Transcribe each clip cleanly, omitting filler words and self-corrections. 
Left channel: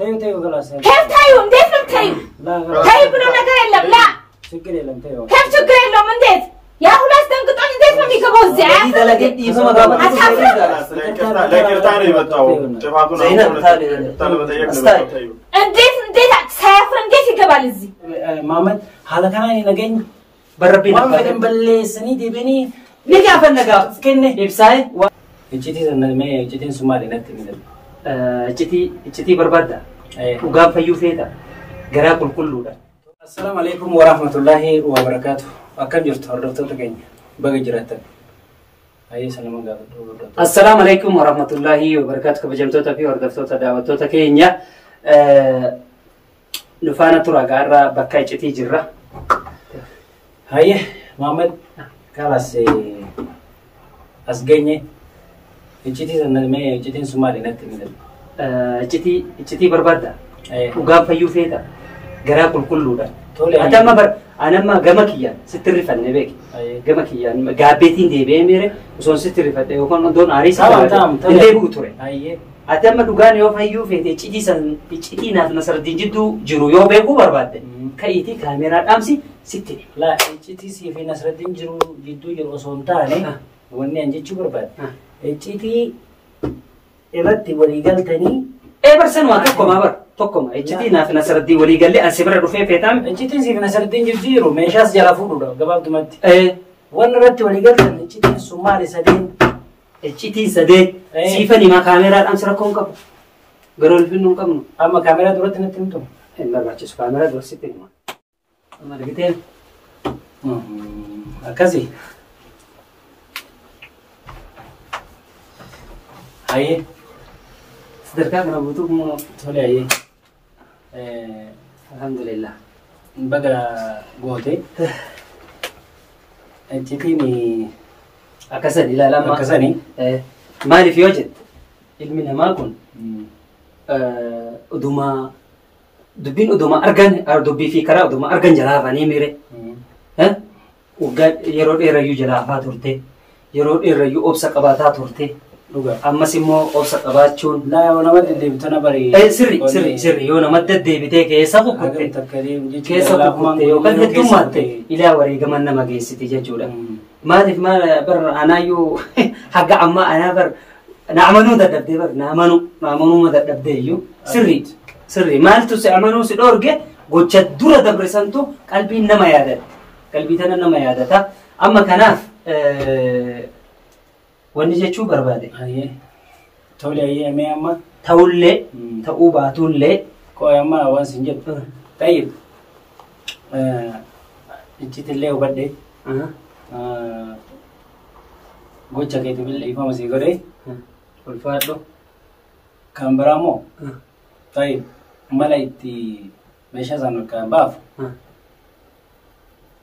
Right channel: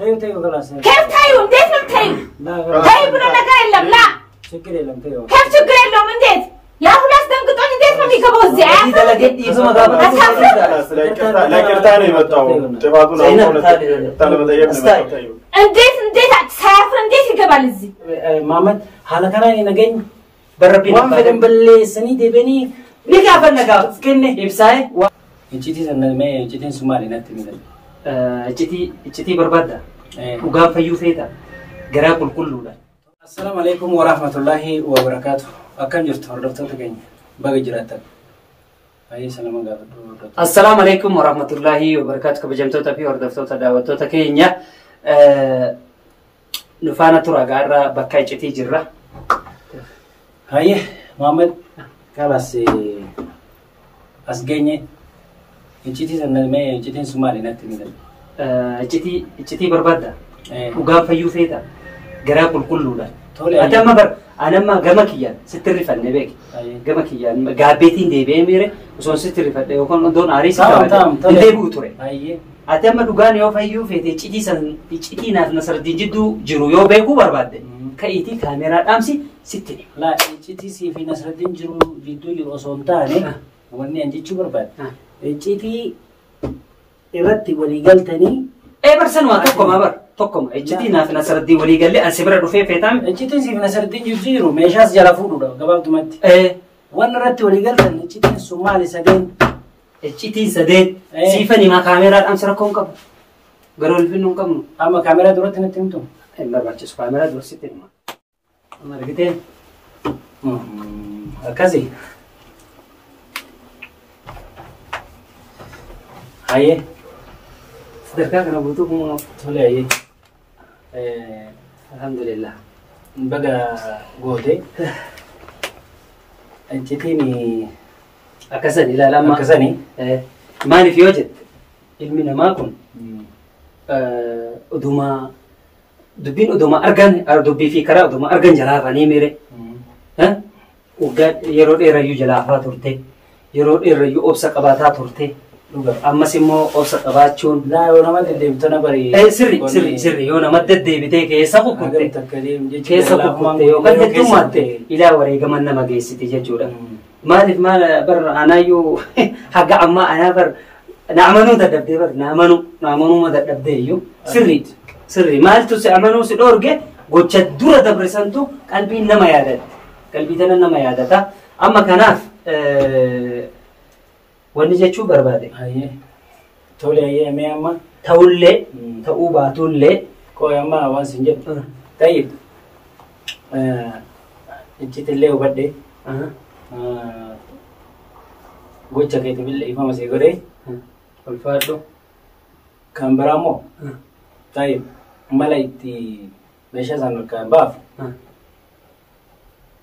أنت تيو خلاص كيف تيو نديت من تيو تيو بدون نقر إلا لا شكرا لهم تيو كيف شكرا لهم نديت يا أخو لاس تنقطعني نديت ما بيكبوا الزعاف نديت سافر نديت يقبل الزي محمد هذا كان نجين بربي وان بلي سني دبني ليك أفن نجا كنّي إبساي إجتي زمن ما إجتين سومالي نتمنى إجتي بربادة وقام فيو ثيتا جراب الكل ده. السلام عليكم ورحمة الله وبركاته. أكل جرت هردت تكيني بقى جراتك. أي سلام عليكم. السلام عليكم ورحمة الله وبركاته. كبجمتو تفي هردت تداوتو تكينيا نفانا ترى جارة بكاي إجتي جرة. هاي محمد خلاص أسجني إجتي زمن ما إجتين سومالي نتمنى. إجتي بربادة وقام فيو ثيتا جراب الكل ده. أتى أنا ما جمكيان ستري فني بيك جمكيان جابتين دي بيميره وصون ستري فني وكان دون عريس تام اللي بقطره أيه أتى ما دوغان يو فيو في تيجي سن تيجي ناس نصر دينجدو جرو يو بيكو برباد كايتي كاميرا أمسي ستني لا تيجي سي في نصر دين جرو جدو جرو صون تاني وني أنجي شو برباد تيجي إبتي وليقال تاني برسن ما توكم إجتي ناف نصر الدين ولي قال لي أن سبرة رفيع فيتام إجتي سيف نصر الدين جزيرو ميشاس جلافورو ده قبل تمت وانا رت ولي قال إن إجتي الصومالي سدين إجتي سدين سيفني ما كاميرا أمسر كون كم قالوا الفيلم كم أما كاميرا دورت نتمتم إلا بعشش كاميرا دور ستين ما رجعتين أكاسي هاي دركا كنا بوتوكم تولي هاي الحمد لله بقى قوتي أنت تيمي أكسني لا لما أكسني ماني في وجد علمنا ما كن أدوما دبين أدوما أرجن دبي في كرا أدوما أرجن جلافة نيميري ها وقال يرود إيريو جلافة تورتي يرود إيريو أبسك أباتا تورتي أما سمو أبسط أباتشون لا وانا ما تدي بتنا بري سري يونا ما تدي بتيك يسقو كنت كيسقو كنت وقد تمات إلى وريق من ما جيس تججورا ما لف ما بر أنا يو حق عما أنا بر نعمنو تدبدي بر نعمنو ما تدبدي يو سري ما أنتوا سأمنو سدورجة قد دورة دبرسنتو قلبي نما يادت قلبي تنا نما يادتا أما كناف ونجى شو بربادي هاي تولي هاي أمي أما تولي تأوبا تولي كوي أما وان سنجد طيب إنتي اللي وبدي قوتشا كيتو بالله إمام سيقولي والفاتلو كان برامو طيب ملايتي ميشا سانو كان باف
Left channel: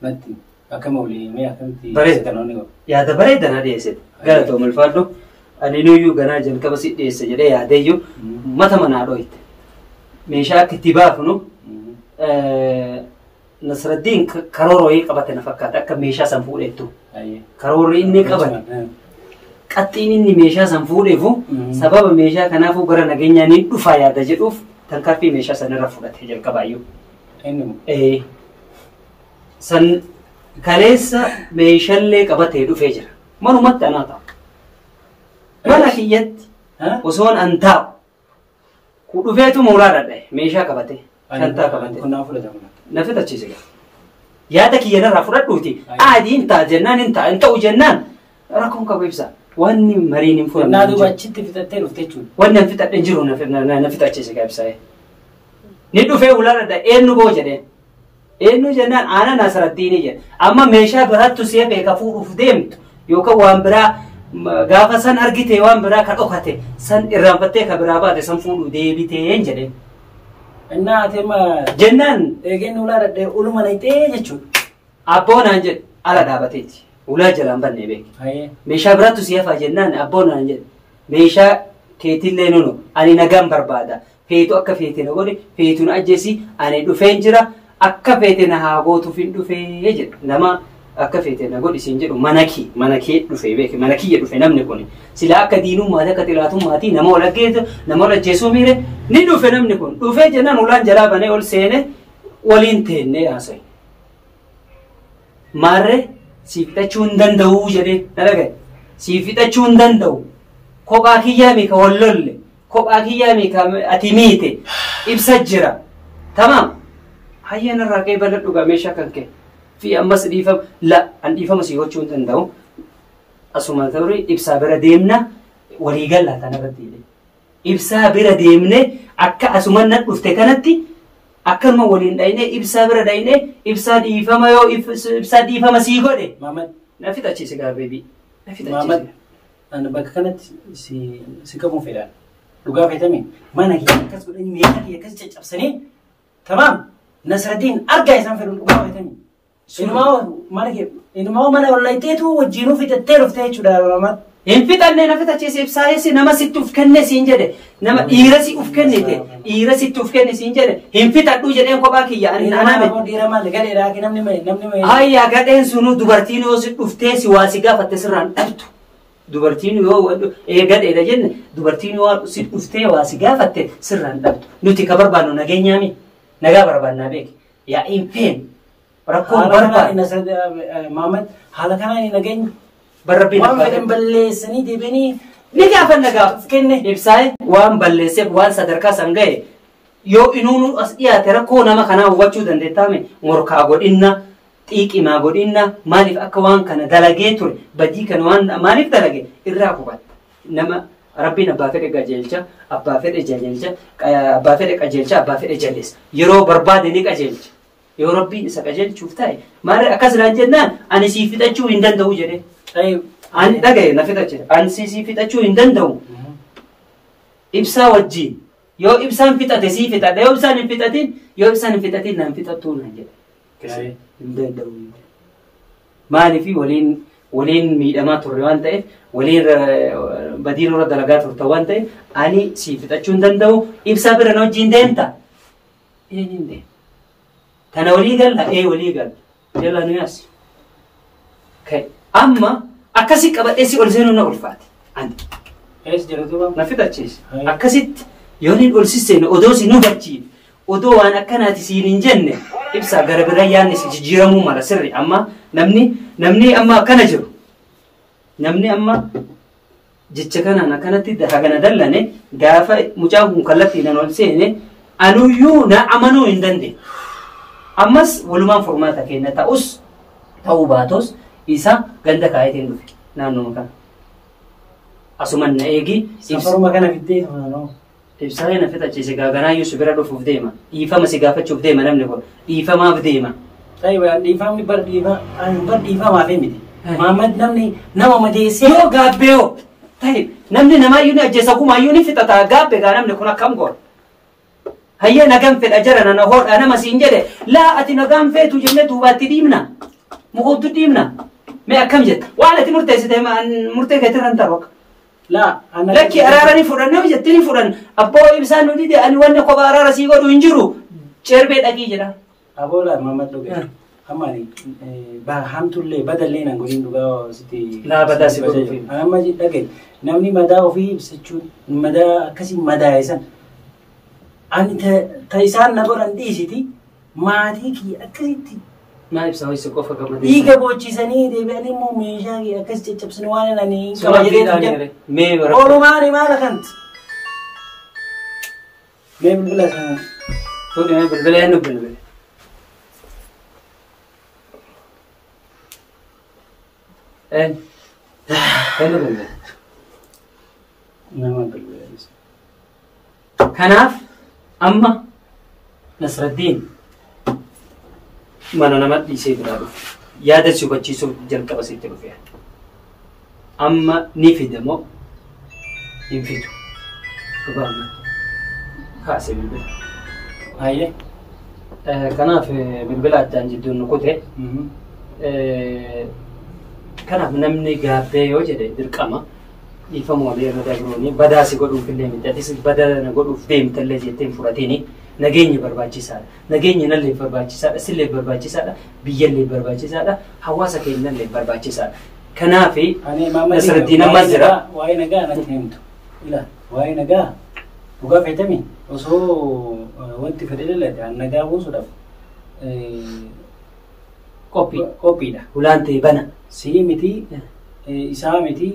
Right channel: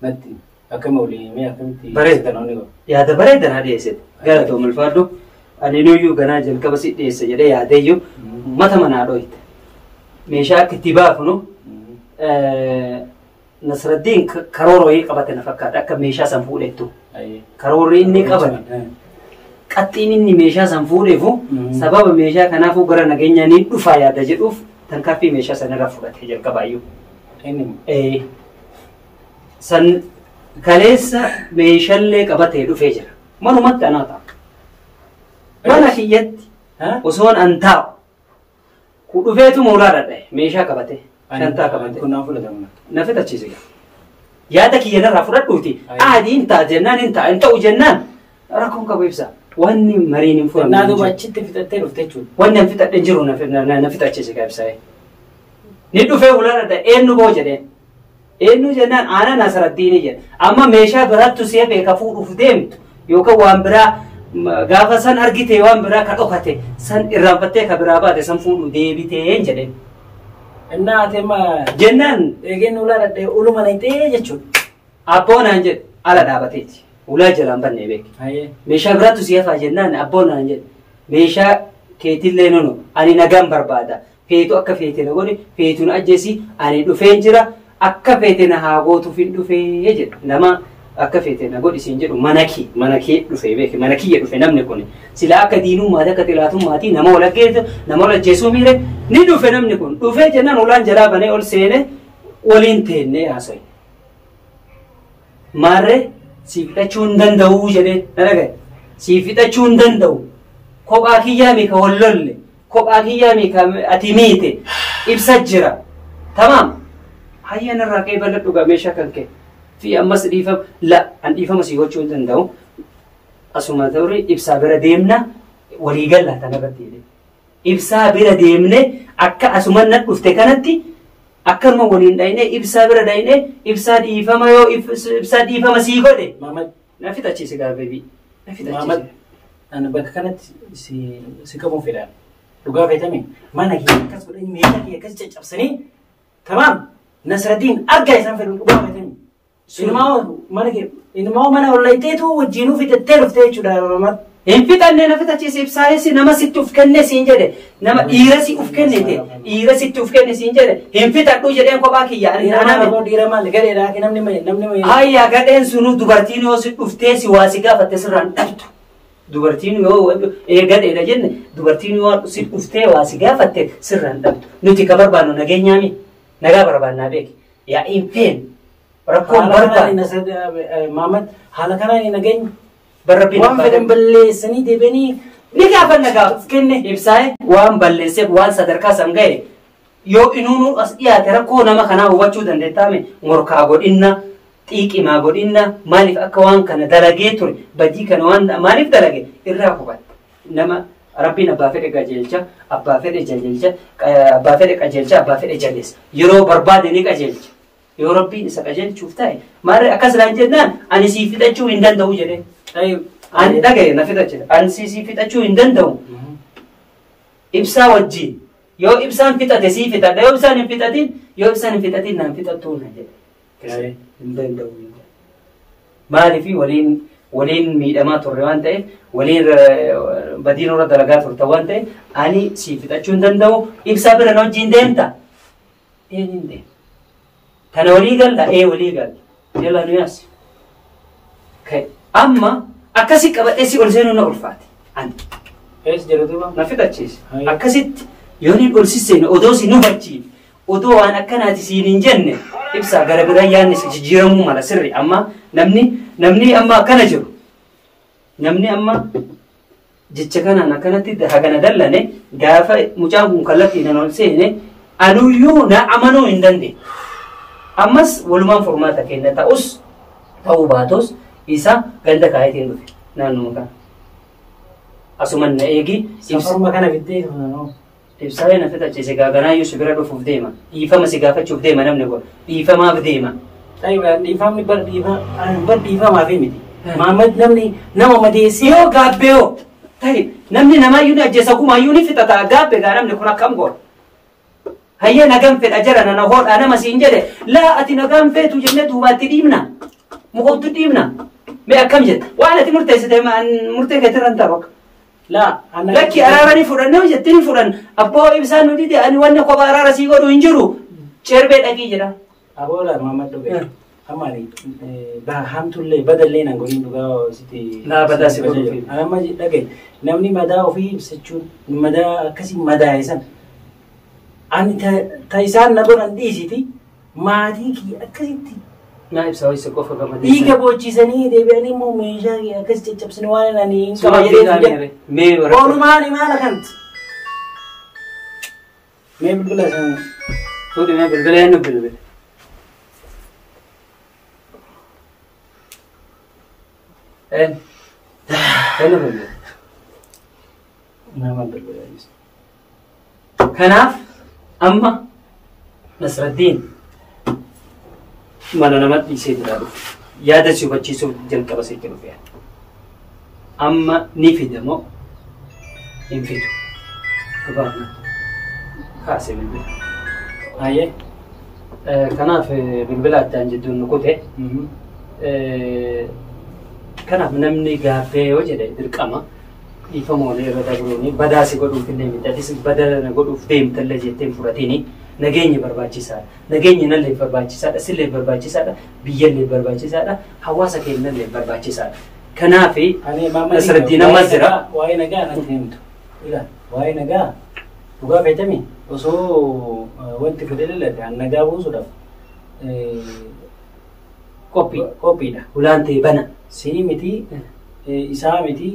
نتي أكمل مي أكمل بريد يا هذا بريد أنا هذه يسد قالت أم الفادو أنا نيو جنا جل كبسيط يسجل يا هذا متى ما نعرفه ميشا كتباف نو نصر الدين كروري قبتنا فكات أك ميشا سنفوله تو كروري إني قبل قطين إني ميشا سنفوله فو سبب ميشا كنا فو قرنا جينا ندفع يا دجوف تنكر في ميشا سنرفض تجل كبايو سن كليسا ميشلة قبته دفع جرا منو مت أنا تا ولا كيت وصون أنتاب كدفعته مورا ده ميشا قبته كنتا قبته كنا فولا دمنا نفت أشيزك يا ده كي أنا رافورات دوتي عادي أنت جنان أنت وجنان ركون كبيبسا واني مريني فولا نادو بتشتي في تتيرو فتشون وانا في تنجرو نفت أشيزك بيبسا ندفع ولا ده إنه بوجدين إنه جنان أنا نصر الدين جن أما ميشا برات تسيه بكفور فدمت يوكا وامبرا غافا سن أرجيته وامبرا كأوكته سن إرامبته كبرا بعد سن فولو ديبيته ينجلين إننا تما جنان إيجن ولا رد أولو ما نيته جتشو أبونا أنجل على دابتيتي ولا جلام بني بيك ميشا برات تسيه فجنان أبونا أنجل ميشا كيتيل لينونو أني نجام بربادا فيتو أكا فيتنا ولي فيتو نأجسي أني دفين جرا akka feetena haa gootu fin dhufee jedhe nama akka feete na godhi siin jedhu mana kee dhufe beeke mana kiyya dhufe namni kun sila akka diinummaa akka xilaatummaati nama walaggeetu nama walajjeesuu miire ni dhufe namni kun dhufee jennaan ulaan jalaa banee ol seene waliin teennee haasa'i. Maarree si fixachuu hin danda'u jedhee na dhagaye si fixachuu hin danda'u kophaa kiyyaa meeqa wallolle kophaa kiyyaa meeqa ati miite ibsa jira tamaam hayya narraa qe'ee bal'adhu meeshaa kan kee. Fi ammas dhiifama la an dhiifama si gochuu hin danda'u asuma ta'uri ibsaa bira deemna walii galla tanarratti ibsaa bira deemne akka asuma nan dhufte kanatti akkanuma waliin dhayne ibsaa bira dhayne ibsaa dhiifama yoo ibsaa dhiifama sii godhe Maamad na fixachiise gaabeebi na Maamad ana bakka kanatti si qabuun fedha dhugaa feetame mana kee akkas godhanii meeshaa kee akkas caccabsanii tamaam Nasraddiin argaa isaan fedhu dhugaa feetame. Ilmaa mana wallayteetu wajjinuu fixattee dhuftee jechuudha Maamad. Hin fixannee na fixachiise ibsaayessi nama sitti uf kenne siin jedhe nama dhiira si uf kennite dhiira sitti uf kenne siin jedhe hin fixadhu jedheen kophaa kiyya ani Nama boo dhiira maal gadheedhaa ki namni hayya gadheen sunu dubartiin yoo si dhuftee si waa si gaafatte sirraan dhabdu dubartiin yoo gadheedha jenne dubartiin yoo si dhuftee waa si gaafatte sirraan dhabdu nuti ka barbaannu nageenyaami nagaa barbaannaa beeki yaa hin feen rakkoon barbaadu Maamad haala kanaan nageenya barabbiin waan fedhan balleessanii deebianii ni gaafa nagaa kenne ibsaa'e waan balleesseef waan sadarkaa san ga'e yoo inuunu as dhiyaate rakkoo nama kanaa hubachuu dandeettaame morkaa godhinna xiiqimaa godhinna maaliif akka waan kana dalagee ture badii kana waan maaliif dalage irraa hubatte nama rabbiin abbaa fedhe qajeelcha abbaa fedhe jajeelcha abbaa fedhe qajeelcha abbaa fedhe jalleessa yeroo barbaade ni qajeelcha yoo rabbiin isa qajeelchuuf ta'e maarree akkas laan jennaan ani sii fixachuu hin danda'u jedhee ani dhagaye na fixachudha ani sii fixachuu hin danda'u ibsaa wajjiin yoo ibsaan fixate sii fixadha yoo ibsaan hin fixatin yoo ibsaan hin fixatin naan fixattuu na jedhe hin danda'u maaliifi waliin miidhamaa turre waan ta'eef waliin badiin irra dalagaa turte waan ta'eef ani sii fixachuu hin danda'u ibsaa bira na wajjiin deemta hin deemta tana walii galla walii galla jala nu yaas amma akkasi qabadhee si ol seenuu na ulfaate ani ees jedhatuuba na fixachiise akkasitti yoo ni ol sisseene odoo si nu bachiin odoo waan akkanaati siin hin jenne ibsaa gara biraa yaanni si jijjiiramuu mala sirri amma namni amma akkana jiru namni amma jecha kanaan akkanatti hagana dallane gaafa mucaan kun kallattiidhaan ol seene anuyyuu na amanuu hin dandeenye ammas walumaan furmaata kenna ta'uu baatos isa ganda kaayetiin dhufe naannoo kana asuman na eegi safaruma kana fiddee no ibsaa'ee na fixachiise gaaganaayyuu si bira dhufuuf deema dhiifama si gaafachuuf deema namni kun dhiifamaaf deema dhiifamni bar dhiifamaaf miti Maamad namni nama madeessee yoo gaabbeeyoo ta'e namni namaayyuu ni ajjeesa gumaayyuu ni fixata gaabbe gaa namni kun akkam goora hayya nagaan fedha jara na hoodhaa nama siin jedhe laa ati nagaan feetu jennee duubaatti dhiibna mukoottu dhiibna mee akkam jetta waan ati murteessite murtee keetti kan ta'u lakki araaranii fudhannee hojjettanii fudhan abbaa ibsaan nu dide ani wanni kophaa araara sii godhu hin jiru cerbee dhaqii jedha aboola Maamad dhuge amani hamtullee badallee nan godhin dhugaa siti laa badaa si godhu amma dhage namni madaa ofii ibsachuun madaa akkasii madaayesan ani ta isaan na godhan dhiisiti maatii kiyya akkasitti naa ibsaa wayisa qofa gamadee dhiiga boochisanii deebi'anii immoo meeshaa kiyya akkas caccabsanii waan ani hin qaba jedhee mee oolumaani maala kanti mee bilbila sana fuudhi mee bilbila eenyu bilbila eenyu bilbila nama bilbila kanaaf amma Nasraddiin mana nama dhiisee biraa dhufe yaada si hubachiisuuf jalqaba sitti dhufe amma ni fidamoo hin fidu dhugaadha kaase bilbila aye kanaaf bilbila addaan jidduun nu kute kanaaf namni gaabbee yoo jedhe dirqama dhiifama walii irra dabruuni badaa si godhuuf illee miti atis badaa godhuuf deemtallee jetteen fudhatini nageenyi barbaachisaadha. Nageenyi nallee barbaachisaadha. Sillee barbaachisaadha. Biyyallee barbaachisaadha. Hawaasa keenyallee barbaachisaadha. Kanaaf asirratti nama jira. Waa'ee nagaa natti himtu. Ila waa'ee nagaa dhugaa feetami osoo wanti fedhe laladhaan nagaa buusuudhaaf qophiidha. Ulaan ta'e bana. Sii miti isaa miti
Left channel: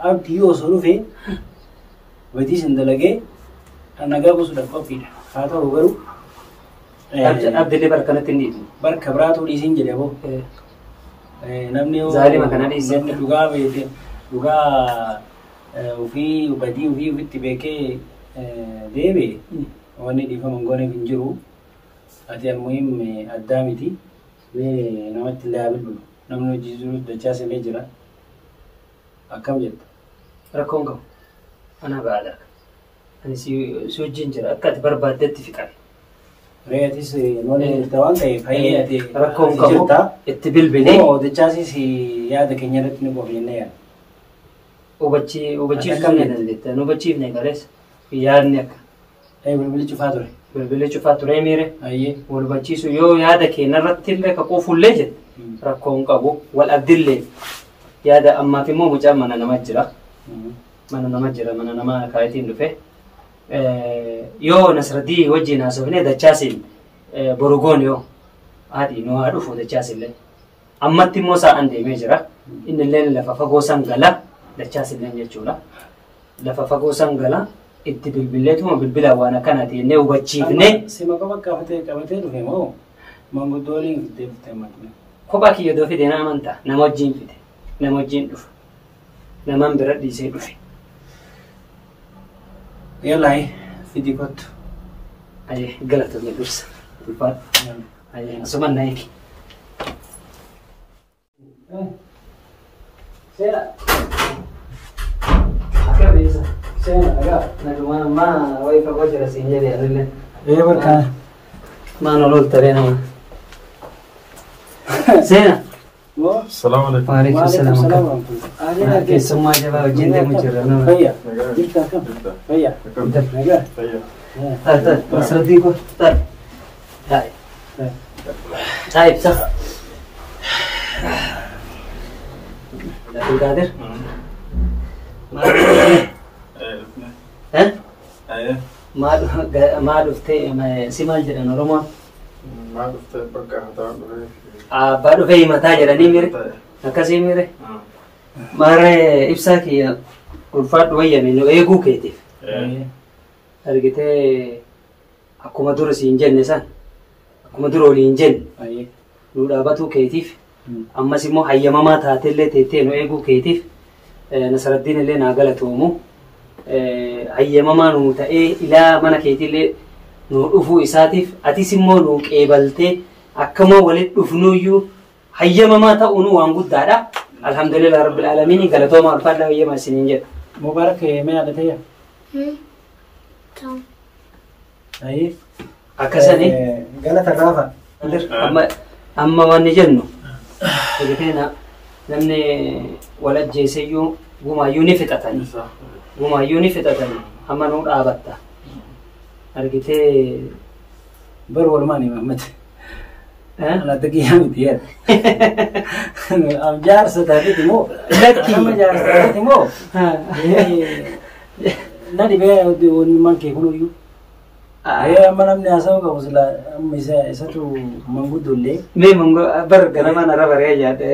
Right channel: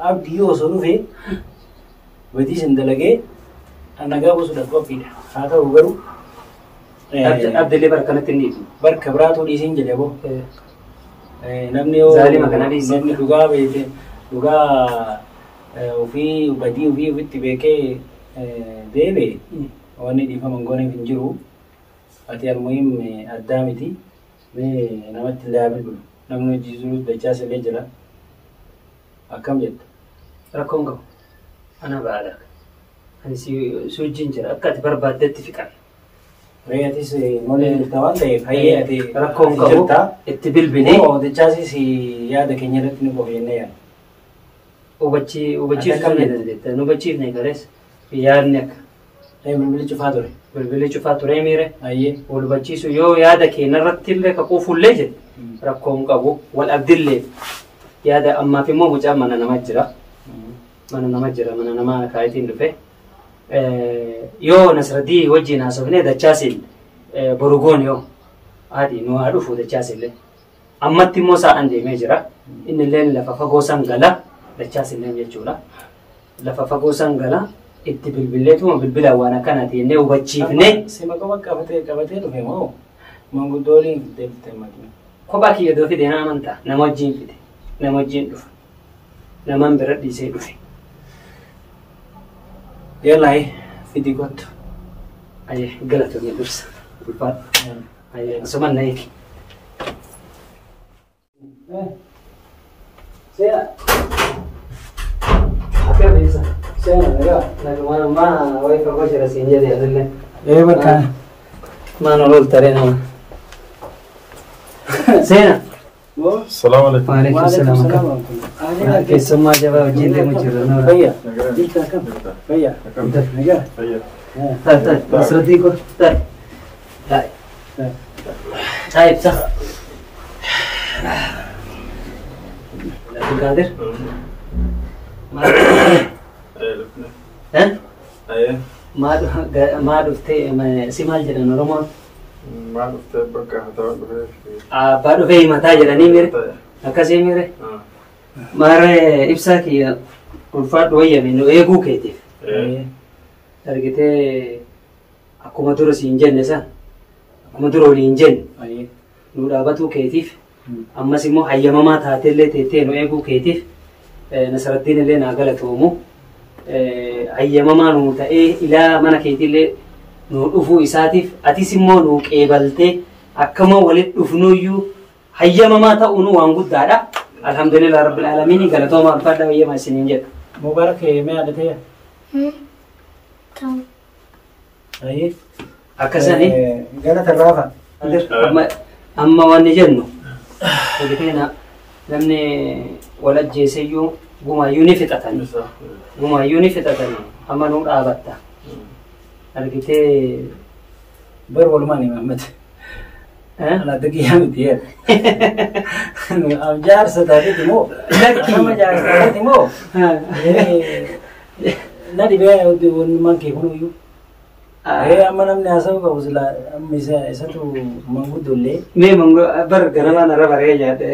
abdii osoo dhufe watii sin dalagee nagaa buusuudhaaf qophiidha. Haa ta'u garuu abdiillee bara kanatti hin dhiisu. Barka biraatu dhiisiin jedhe boo. Namni dhugaa beekee dhugaa ofii badii ofii ofitti beekee deebi'e wanni dhiifaman gooneef hin jiru. Ati almuhim addaa miti namatti illee bilbilu namni hojii jiru dachaas illee jira. Akkam jetta? Rakkoon qabu. Ana baadha. Ani si wajjin jira akka ati barbaaddetti fiqan. Reetis noonii jirta waan ta'eef hayyee ati rakkoon qabu itti bilbilee. Dachaasis yaada keenya irratti ni qofa jennee yaada. Hubachiiftuu ni dandeetta. Nu hubachiifne garees yaadni akka. Bilbilli cufaa ture. Bilbilli cufaa ture miire. Hayyee. Wal hubachiisu yoo yaada keenya irratti illee ka quufullee jedhe rakkoon qabu wal abdillee yaada ammaaf immoo mucaan mana namaa jira. Mana namaa jira mana namaa kaayitiin dhufe. Yoo Nasraddii wajjin haasofnee dachaasiin borugoon yoo haadhi nu haa dhufu dachaasillee. Ammatti immoo sa'aan deemee jira. Inni illee lafa fagoo sangala dachaasillee jechuudha. Lafa fagoo sangala itti bilbileetuma bilbilaan waan akkanaati jennee hubachiifne. Sima qaba qabatee dhufe moo manguddoo waliin fidee dhufe madduu. Kophaa kiyya doo fide nama amantaa nama wajjin fide nama wajjin dhufu namaan bira dhiisee dhufe. Yallaa fidii kottu. Ayyee galatoomne dursa ulfaadha. Ayyee asuman na eegi. Seera. Akka beeksa. Seera nagaa. Nagumaa wayii fagoo jira siin jedhee adillee. Barkaana. Maanu lol taree nama. Seena. Salaam alaikum. Waalaikum salaam. Keessummaa jabaa wajjin deemu jirra. Fayyaa. Jirta akkam? Fayyaa. Nagaa. Fayyaa. Ta'i Nasraddii ko ta'i. Ta'i ibsa. Abdulqaadir. Maal dhuftee si maal jedhan Oromoon? Maal dhuftee bakka hataa dhufee. Abbaa dhufee himataa jedhanii mire. Akkasii mire. Maarree ibsaa kiyya ulfaadhu wayyame nu eeguu keetiif. Argitee akkuma dura siin jenne san akkuma dura waliin jenne nu dhaabatuu keetiif ammas immoo hayyamamaa taatellee teettee nu eeguu keetiif Nasraddiin illee naa galatoomu hayyamamaa nu ta'ee ilaa mana keetiillee nu dhufuu isaatiif atis immoo nu qeebaltee akkama walitti dhufnuyyuu hayyamamaa ta'uun waan guddaadha. Alhamdulillah rabbil alamin galatooma ulfaadha hayyama isiniin jedhu. Mubarak mee adatee? Ayi. Akkasani. Galata raafa. Amma wanni jennu. Argitee namni wal ajjeeseyyuu gumaayyuu ni fixatanii. Gumaayyuu ni fixatanii. Amma nuu dhaabatta. Argitee. Bar walumaani Muhammad. Ala daqiiqaa miti yaa. Jaarsa taatee moo? Nama jaarsa taatee moo? Nadi bee waan kee kunuyyuu. Amma namni haasa'u qabu sila amma isatu manguddollee. Mee bar ganamaan arra baree yaadde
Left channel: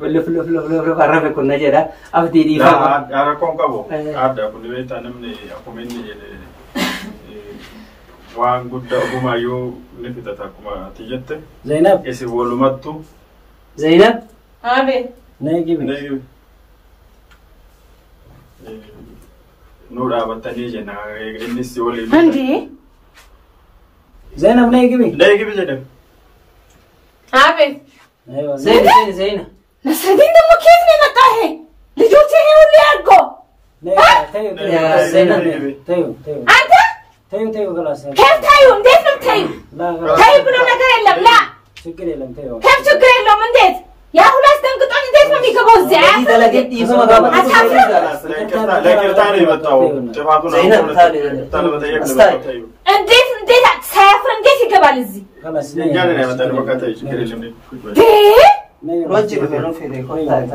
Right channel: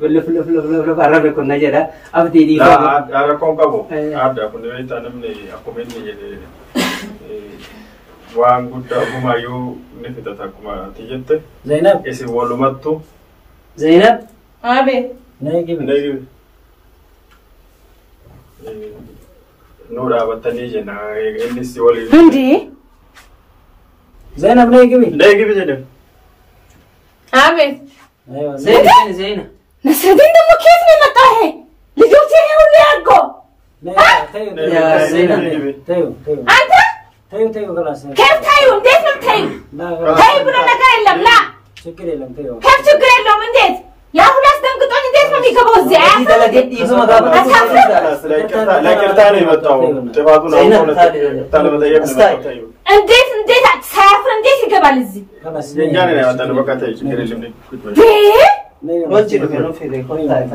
luf arrabe kun na jedha abdii dhiifama. Rakkoon qabu adda kun beektaa namni akkuma inni jedhe waan guddaa gumaayyuu ni fixata akkuma ati jette. Zainab. Isin walumattu. Zainab. Abe. Neegibi. Neegibi. Nu dhaabattanii jenna innis waliin. Andi. Zainab neegibi. Neegibi jedhe. Abe. Zainab. Nasraddin ደግሞ ከየት ነው የመጣው? ልጆቼን ሁሉ ያርጎ አንተ ተይው ክላስ ከፍ ታዩ እንዴት ነው ታዩ? ታዩ ብሎ ነገር የለም ላ ችግር የለም ተይው ከፍ ችግር የለም እንዴት ያ ሁሉ አስደንግጦን እንዴት ما ميكبو زعف دلدت يسمى قام لا كرتاني متاو تفاضل تاني متايب نبتايب انديت سافر انديت يقبل الزي خلاص يعني انا متانا بكاتاي شكر اللي رجل فينو في ريكو تاي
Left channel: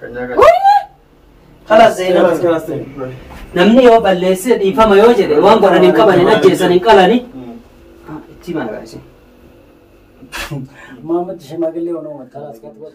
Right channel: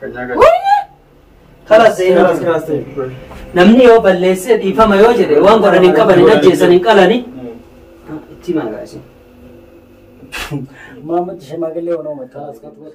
كنيا خلاص زينا نمني يو بلسه يفهم يو جدي وان قرنين كبني نجيسن قالني تي ما غاشي ما مت شماغلي ونو مت خلاص كتب